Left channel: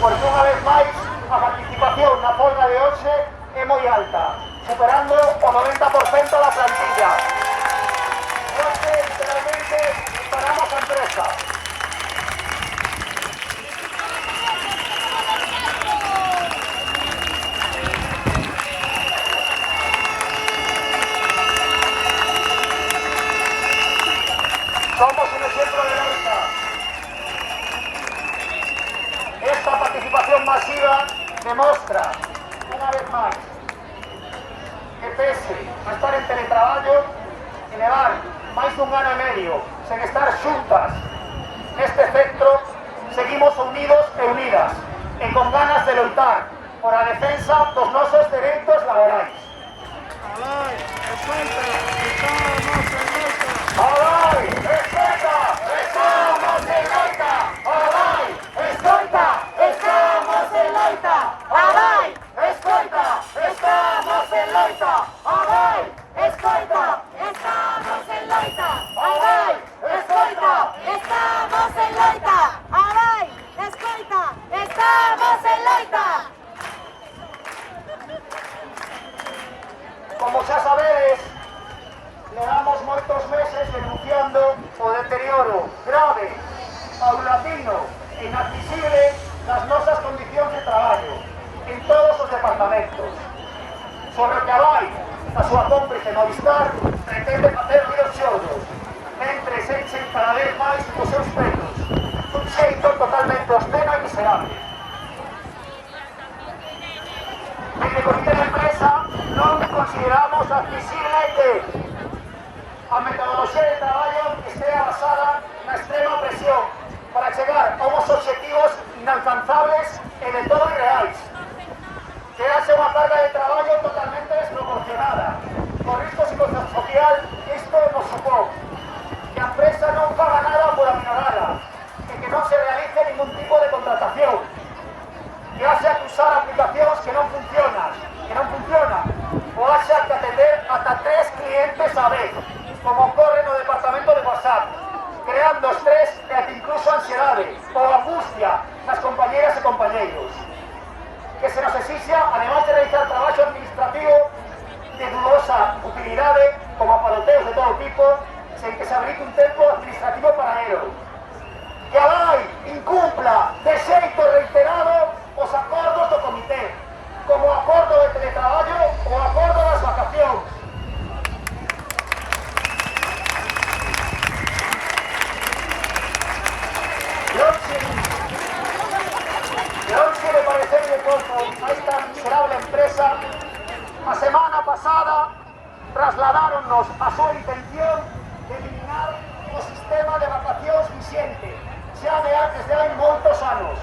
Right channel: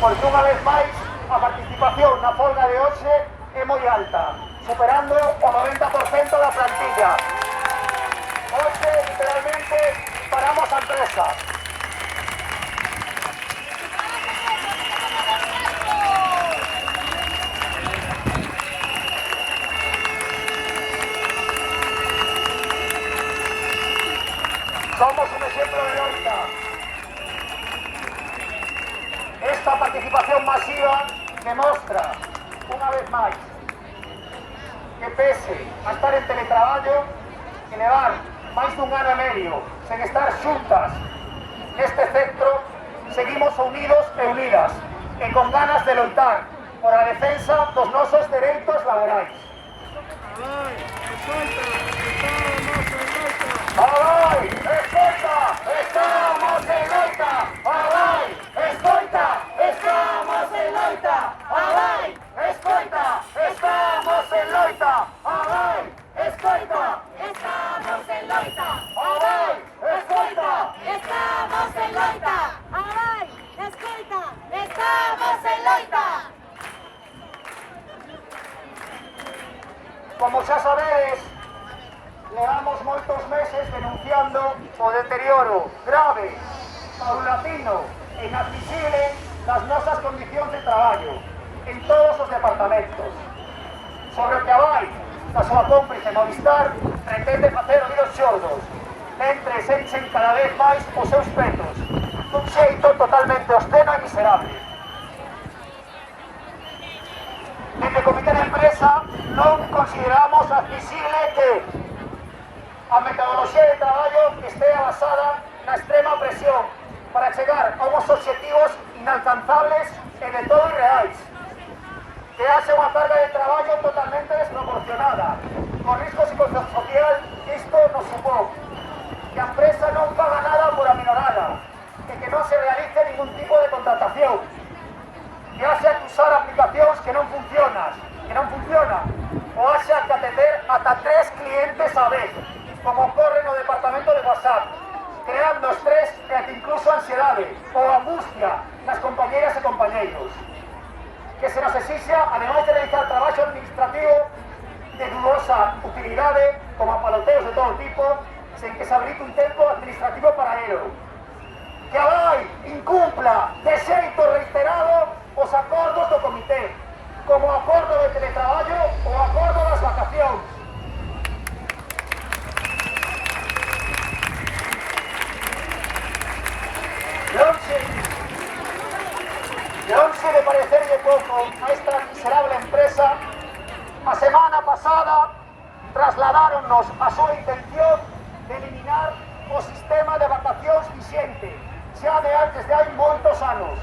porque unha vez máis a participación na folga de hoxe é moi alta, superando o 90% da plantilla. Hoxe, literalmente, paramos a empresa. Somos un ejemplo de loita. Esta participación masiva demostra, unha vez máis, que pese a estar en teletraballo e levar máis dun ano e medio sen estar xuntas neste espectro, seguimos unidos e unidas e con ganas de loitar por a defensa dos nosos dereitos laborais. ¡Alai! ¡Escoita! ¡Estamos en loita! ¡Alai! ¡Escoita! ¡Estamos en loita! ¡Alai! ¡Escoita! ¡Estamos en loita! ¡Alai! ¡Escoita! Estamos en loita. ¡Alai! ¡Escoita! Estamos en loita. Alai, escoita. Estamos en loita. Como xa sabedes, levamos moitos meses denunciando o deterioro grave, paulatino e inadmisible das nosas condicións de traballo en todos os departamentos. Sobre o que a vai da súa cómplice Movistar pretende facer oídos xordos, mentre se enchen cada vez máis os seus petos, dun xeito totalmente obsceno e miserable. Desde o comité da empresa non consideramos admisible que a metodoloxía de traballo estea basada na extrema presión para chegar a unhos obxectivos inalcanzables e de todo irreais. Que haxe unha carga de traballo totalmente desproporcionada, con risco psicosocial que isto nos supón. Que a empresa non paga nada por aminorala, e que non se realice ningún tipo de contratación. Que haxe que usar aplicacións que non funcionan, ou haxe que atender ata 3 clientes a vez, como ocorre no departamento de WhatsApp, creando estrés e ata incluso ansiedade ou angustia nas compañeras e compañeiros. Que se nos exixa, ademais de realizar traballo administrativo de dudosa utilidade, como apaloteos de todo tipo, sen que se habilite un tempo administrativo para ello. Que a lei incumpla de xeito reiterado os acordos do comité, como o acordo de teletraballo ou o acordo das vacacións. E hoxe me parecer de pouco a esta miserable empresa, a semana pasada trasladaronnos a súa intención de eliminar o sistema de vacacións vixente, xa desde hai moitos anos,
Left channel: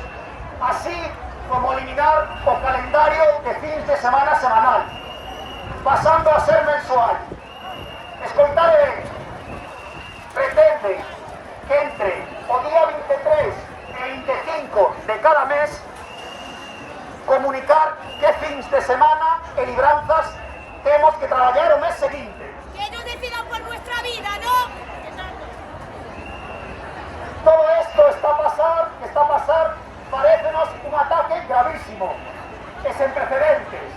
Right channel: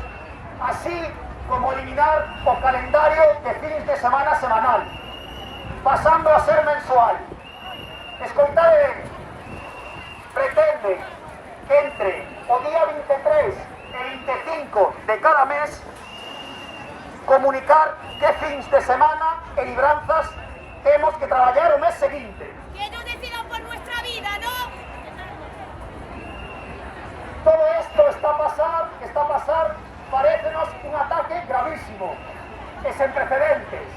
así como eliminar o calendario de fins de semana semanal, pasando a ser mensual. Escoitade ben, pretenden que entre o día 23 e 25 de cada mes comunicar que fins de semana e libranzas temos que traballar o mes seguinte. Que no decidan por nuestra vida, ¿no? Todo esto está a pasar, parécenos un ataque gravísimo e sen precedentes.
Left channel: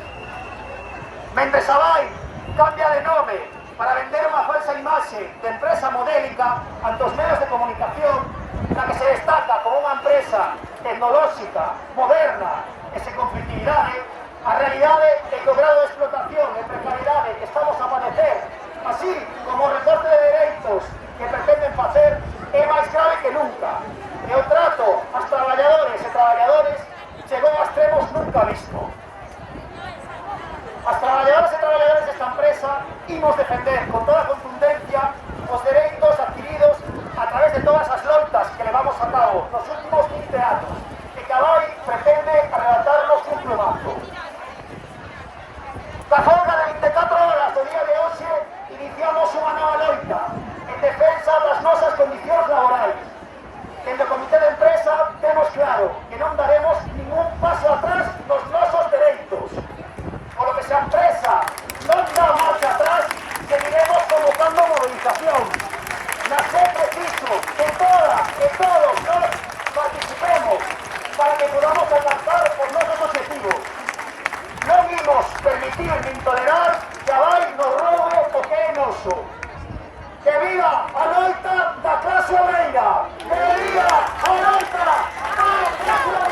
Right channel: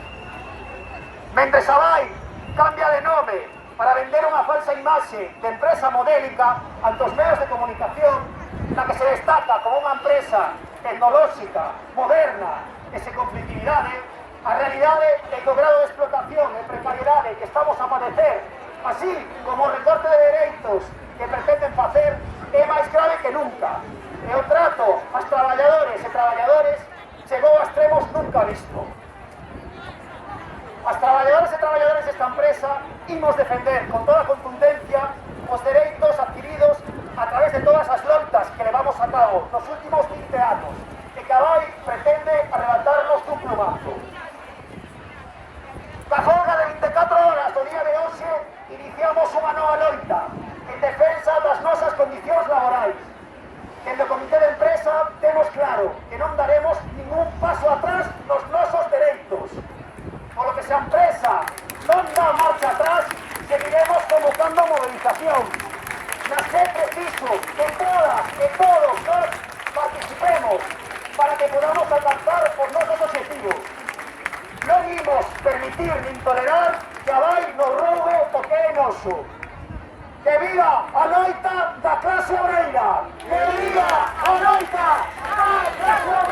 Mentres a vai cambia de nome para vender unha falsa imaxe de empresa modélica ante os medios de comunicación, na que se destaca como unha empresa tecnolóxica, moderna e sen conflictividade, a realidade é que o grado de explotación e precariedade que estamos a padecer, así como o recorte de dereitos que pretenden facer, é máis grave que nunca. E o trato aos traballadores e traballadores chegou a extremos nunca visto. As traballadoras e traballadores desta empresa imos defender con toda a contundencia os dereitos adquiridos a través de todas as loitas que levamos a cabo nos últimos 20 anos e que a lei pretende arrebatarnos cun plumazo. Ca folga de 24 horas do día de hoxe iniciamos unha nova loita en defensa das nosas condicións laborais. Dende o comité de empresa temos claro que non daremos ningún paso atrás nos nosos dereitos. Polo que se a empresa non dá marcha atrás, seguiremos convocando movilización. Na que é preciso que todas e todos nós participemos para que podamos alcanzar os nosos objetivos. Non imos permitir nin tolerar que a vai nos roube o que é noso. Que viva a loita da clase obreira! Que viva a loita da clase obreira!